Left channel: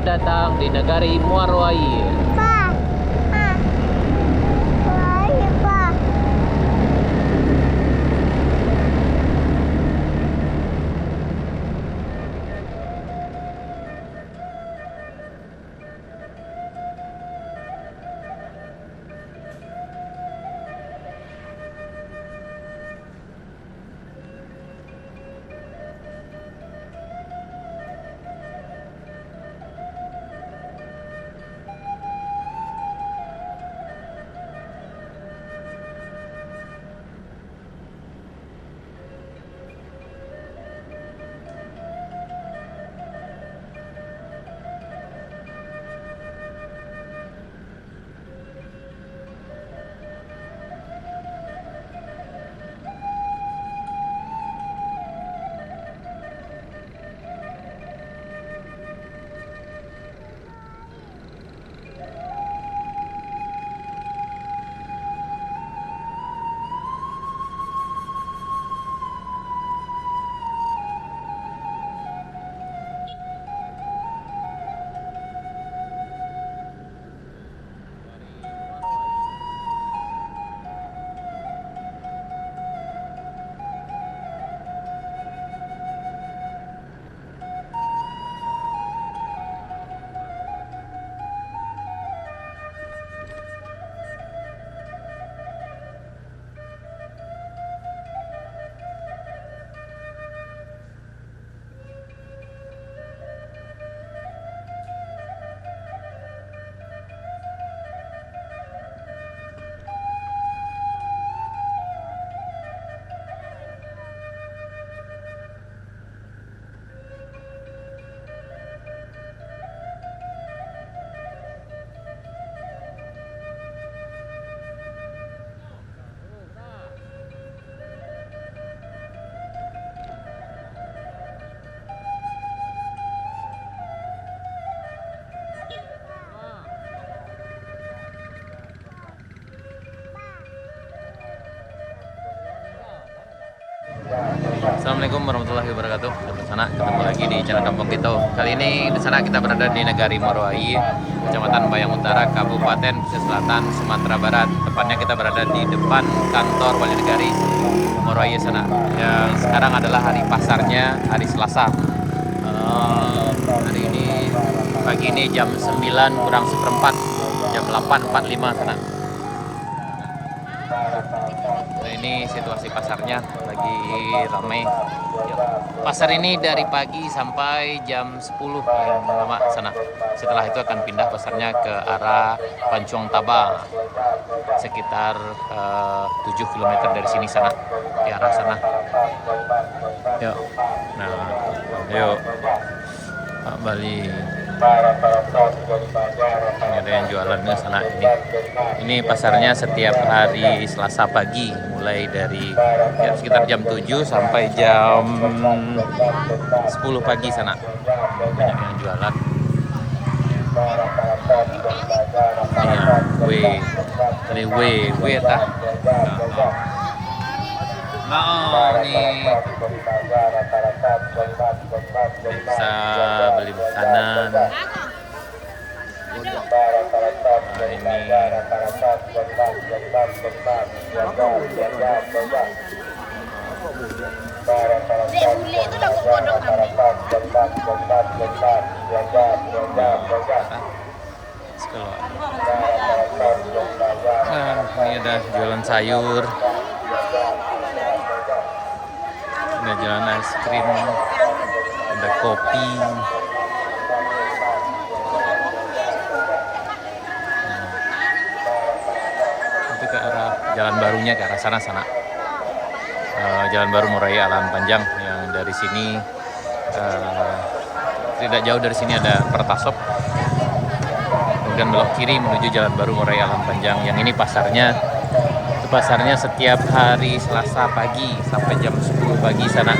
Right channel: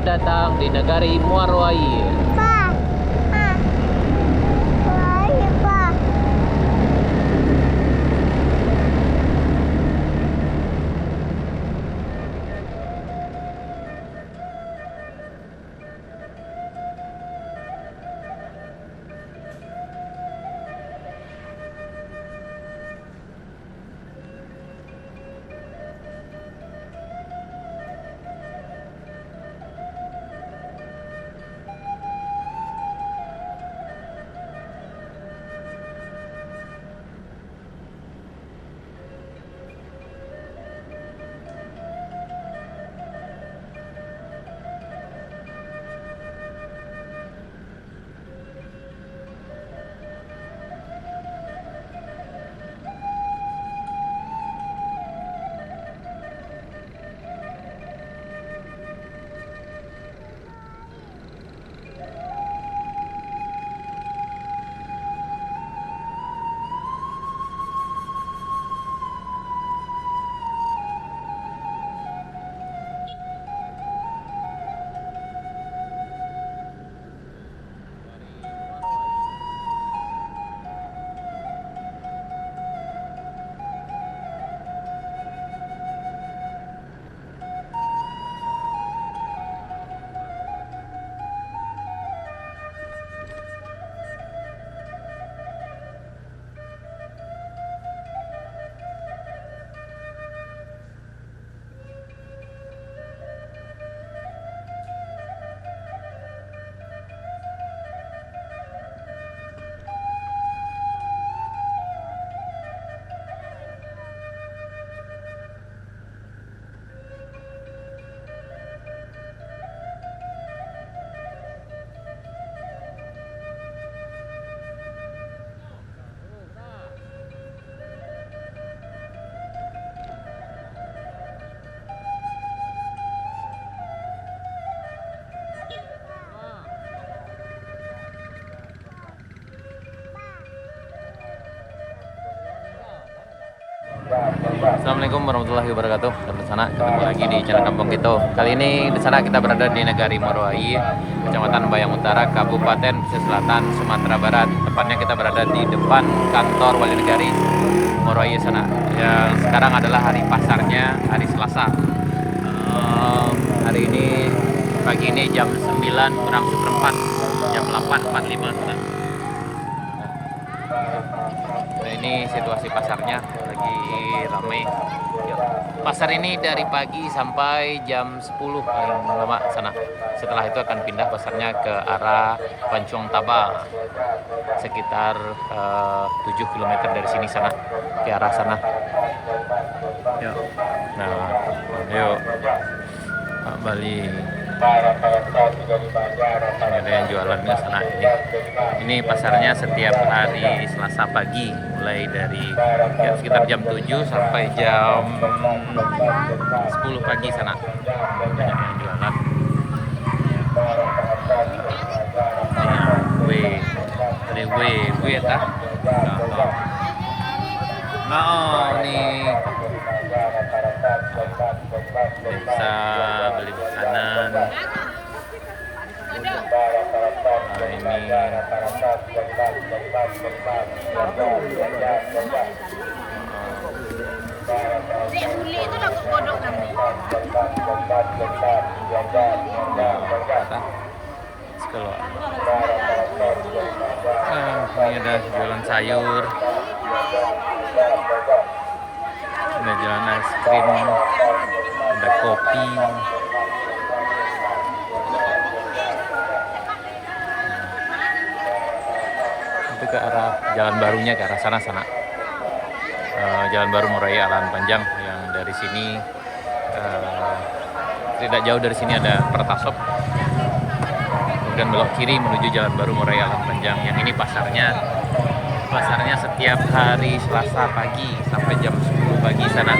Selamat datang di negari Muaro Air. Pa, pa. Assalamualaikum warahmatullahi wabarakatuh. Di sana ketemu lagi di channel Kampung Kito. Kali ini di sana kita berada di negari Muaro Air, Kecamatan Bayang Utara, Kabupaten Pesisir Selatan, Sumatera Barat. Tepatnya kita berada di depan kantor Wali Negari Muaro Air sana. Yang sekarang adalah hari pasarnya, hari Selasa. Hari ini pagi ini jam 9 kurang seperempat, jam 8.45 sana. Ini situasi pasarnya lagi ramai. Pasar ini dari pagi sampai jam 10 paling lama sana. Setelah itu akan pindah pasarnya ke arah Pancuang Taba, sekitar 7 km dari sini sana, ke arah sana. Yuk. Nah, yuk Pak Bali. Ini ada yang jualannya sana ini. Ini pasarnya setiap hari Selasa pagi, mulai dari sekitar jam 7 sampai jam 10 pagi sana. Banyak yang jualan. Ya, we tah. Nah, nih bisa beli makanan. Nah, ini ini ada jualan sayur, ada jualan es krim, ada kopi. Itu ke arah jalan barunya, ke arah sana. Jalan baru Muaro Air Alan Panjang, yang dari sini tidak jauh dari sini ada Pertasop. Kemudian belok kiri menuju jalan baru Muaro Air Alan Panjang. Yang ini pasarnya setiap hari Selasa pagi sampai jam 10 pagi sana.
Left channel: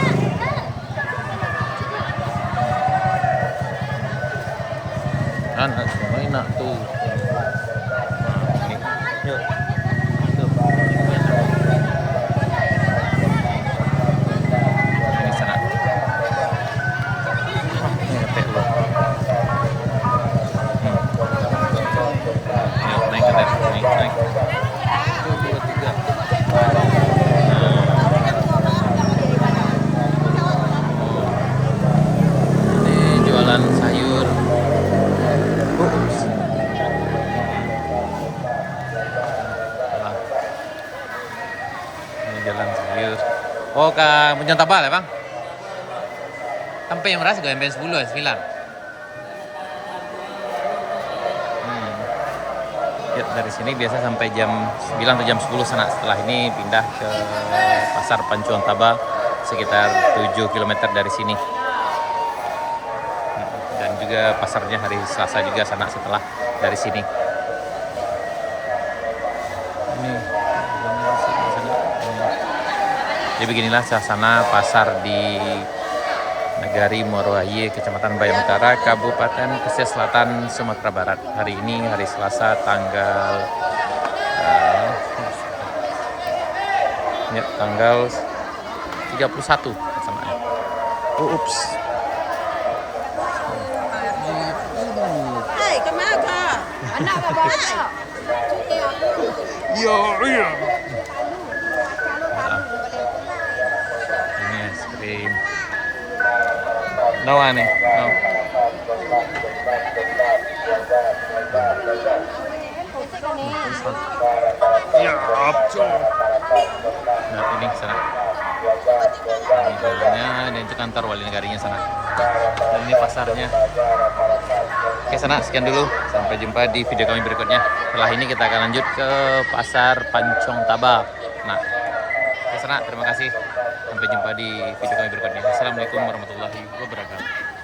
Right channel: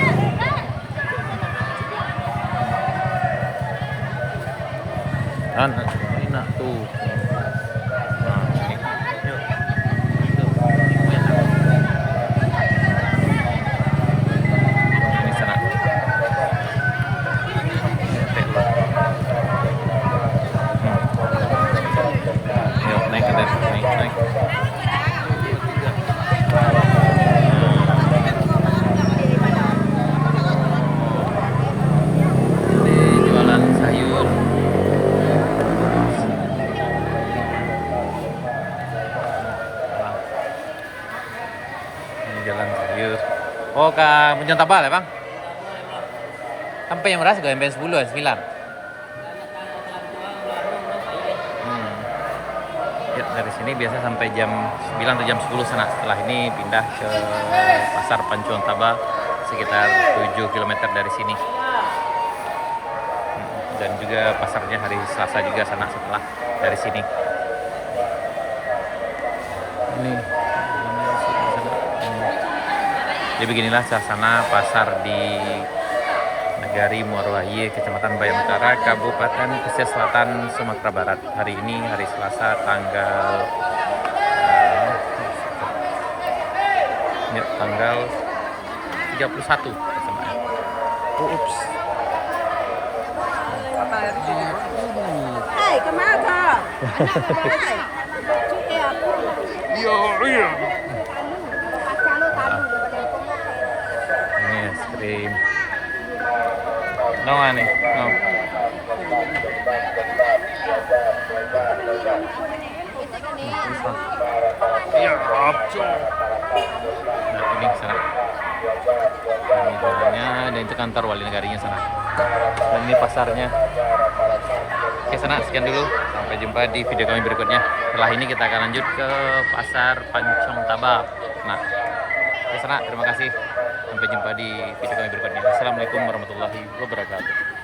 Enak tuh. Nah, ini. Yuk. Tuh. Enak. Ini sana. Ini lo. Oh, ke Puncong Tabal ya, Bang? Sampai yang merasa gue jam 10 ya, 9. Ya, dari sini biasa sampai jam 9 atau jam 10 sana. Setelah ini pindah ke Pasar Pancuang Tabal sekitar 7 km dari sini. Dan juga pasarnya hari Selasa juga sana setelah dari sini. Ini jadi beginilah suasana pasar di Nagari Muarwaye, Kecamatan Bayan Utara, Kabupaten Pesisir Selatan, Sumatera Barat. Hari ini hari Selasa tanggal tanggal 31 pelaksanaan. Ups. Hai, kemana? Iya. Ini es krim. No aneh, no. Ya, nah, ini sana. Wali negaranya, dan itu kantor wali negarinya sana. Dan ini pasarnya. Oke sana, sekian dulu. Sampai jumpa di video kami berikutnya. Setelah ini kita akan lanjut ke Pasar Pancuang Tabal. Nah, ke sana. Terima kasih. Sampai jumpa di video kami berikutnya. Assalamualaikum warahmatullahi wabarakatuh.